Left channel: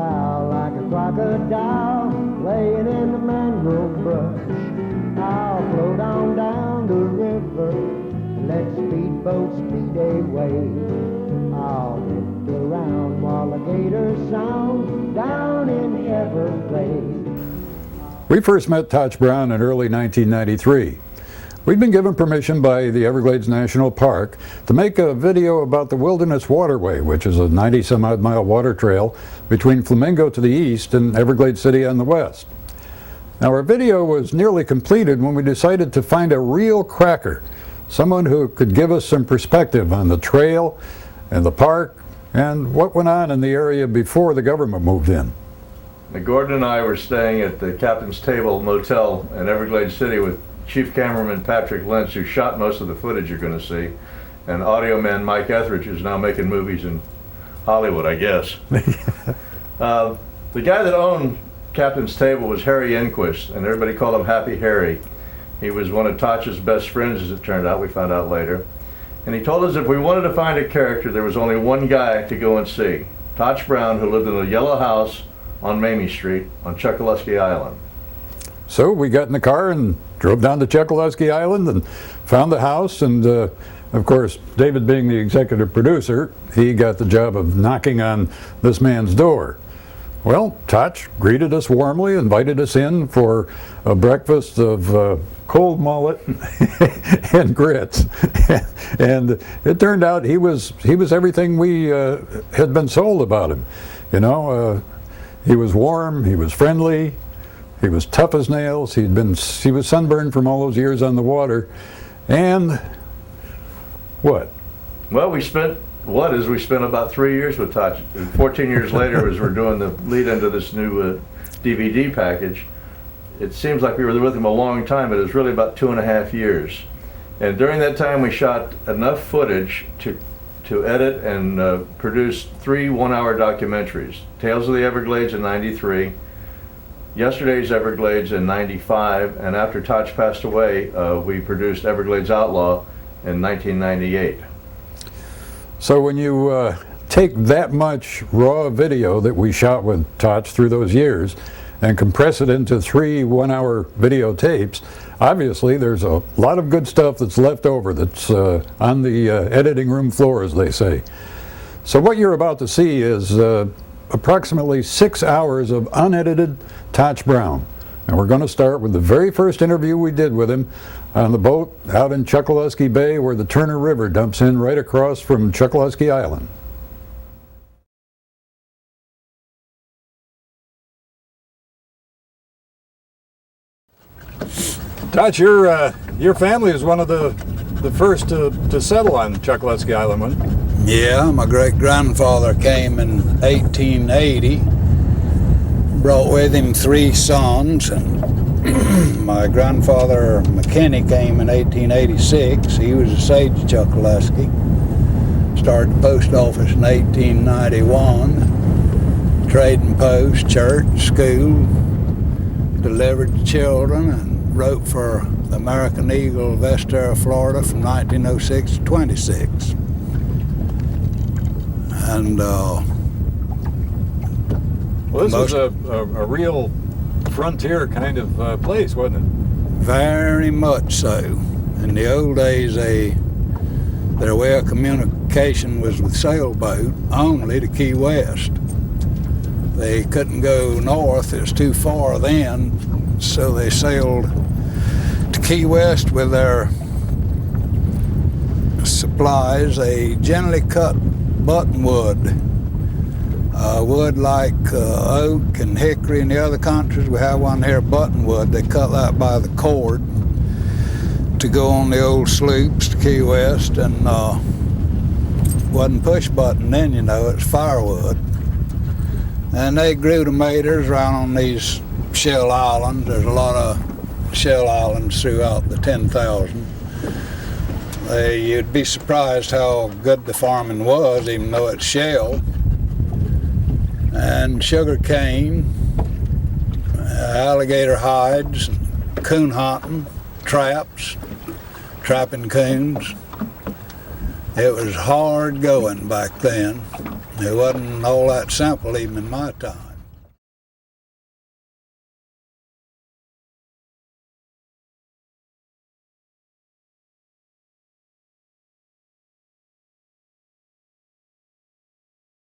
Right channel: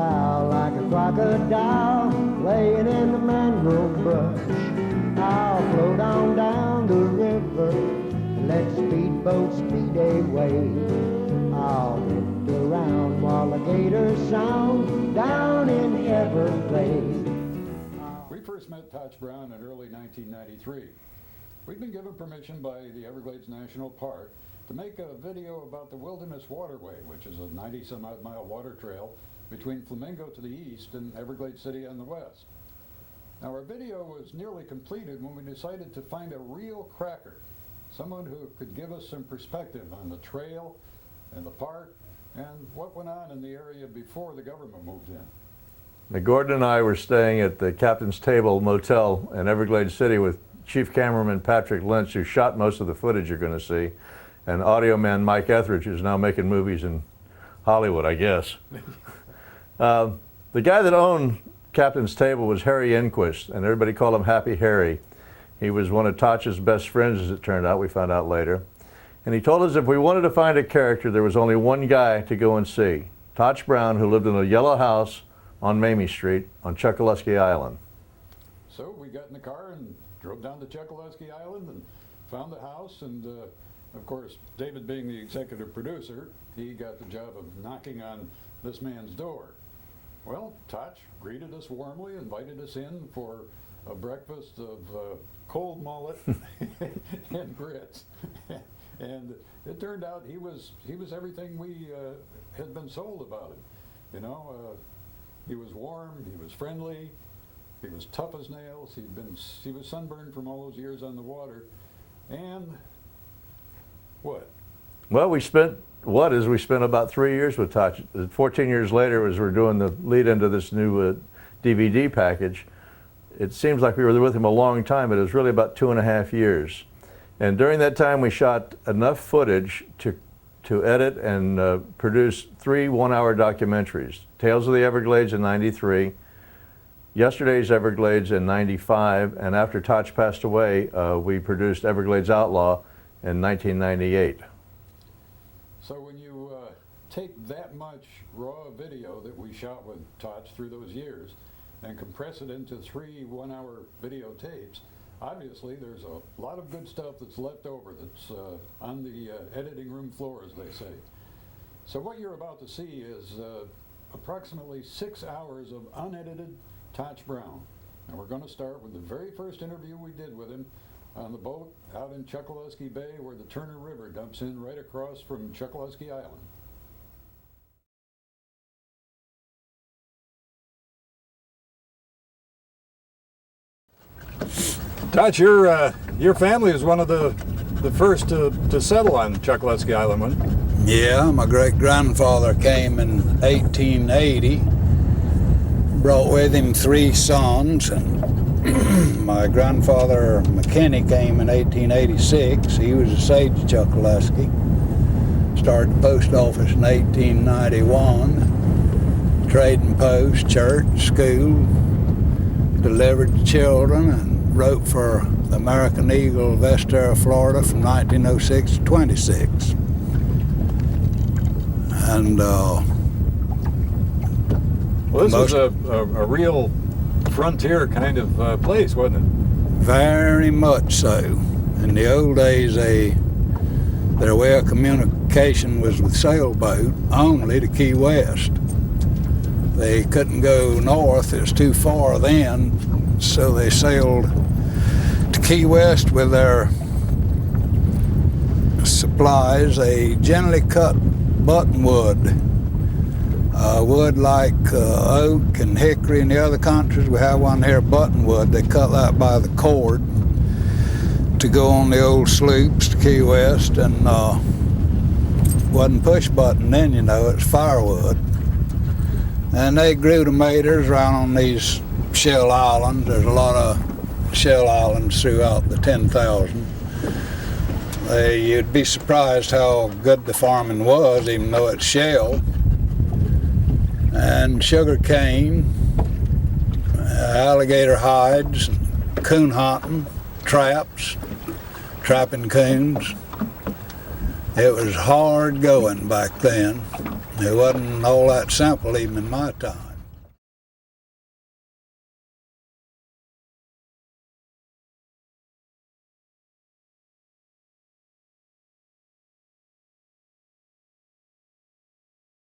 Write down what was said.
style like a crocodile laying in the mangrove brush. I'll float on down the river and let speedboats speed away. I'll drift around while alligators sound down in the Everglades. We first met Totch Brown in early 1993. We'd been given permission by the Everglades National Park to make a video about the Wilderness Waterway, which is a 90-some-odd mile water trail between Flamingo to the east and Everglades City on the west. Now, our video was nearly completed when we decided to find a real cracker, someone who could give us some perspective on the trail and the park and what went on in the area before the government moved in. Gordon and I were staying at the Captain's Table Motel in Everglades City with Chief Cameraman Patrick Lynch, who shot most of the footage you're going to see, and audio man Mike Etheridge, who's now making movies in Hollywood, I guess. The guy that owned Captain's Table was Harry Enquist, and everybody called him Happy Harry. He was one of Totch's best friends, as it turned out. We found out later. And he told us if we wanted to find a character, there was only one guy to go and see, Totch Brown, who lived in a yellow house on Mamie Street on Chokoloskee Island. So we got in the car and drove down to Chokoloskee Island and found the house, and of course, David being the executive producer, he got the job of knocking on this man's door. Well, Totch greeted us warmly, invited us in for a breakfast of cold mullet and grits, and it turned out he was everything we had been sold about him. You know, he was warm, he was friendly, he was tough as nails. He was sunburned from all those years on the water, and what? Well, we spent about 3 years with Totch. 14 years later, as we're doing the lead into this new DVD package, it seems like we were with him a long time, but it was really about 2.5 years. And during that time, we shot enough footage to edit and produce 3 one-hour documentaries: Tales of the Everglades in '93, Yesterday's Everglades in '95, and after Totch passed away, we produced Everglades Outlaw in 1998. So when you take that much raw video that we shot with Totch through those years and compress it into 3 one-hour videotapes, obviously there's a lot of good stuff that's left over that's on the editing room floor, as they say. So what you're about to see is approximately 6 hours of unedited Totch Brown. And we're going to start with the very first interview we did with him on the boat out in Chokoloskee Bay, where the Turner River dumps in right across from Chokoloskee Island. Totch, your family is one of the first to settle on Chokoloskee Island, wasn't it? Yeah, my great-grandfather came in 1880, brought with him 3 sons, and my grandfather McKinney came in 1886. He was a sage of Chokoloskee. Started the post office in 1891, trading post, church, school, delivered to children, and wrote for the American Eagle of Estero, Florida from 1906 to 26. And well, this was a real frontier kind of place, wasn't it? Very much so. In the old days, their way of communication was with sailboat only to Key West. They couldn't go north, it was too far then, so they sailed to Key West with their supplies. They generally cut buttonwood. Wood like oak and hickory in the other countries. We have one here, buttonwood. They cut that by the cord to go on the old sloops to Key West, and wasn't push button then, you know, it's firewood. And they grew tomatoes around on these shell islands. There's a lot of shell islands throughout the 10,000. You'd be surprised how good the farming was, even though it's shell. And sugar cane, alligator hides, coon hunting, traps, trapping coons. It was hard going back then. It wasn't all that simple even in my time.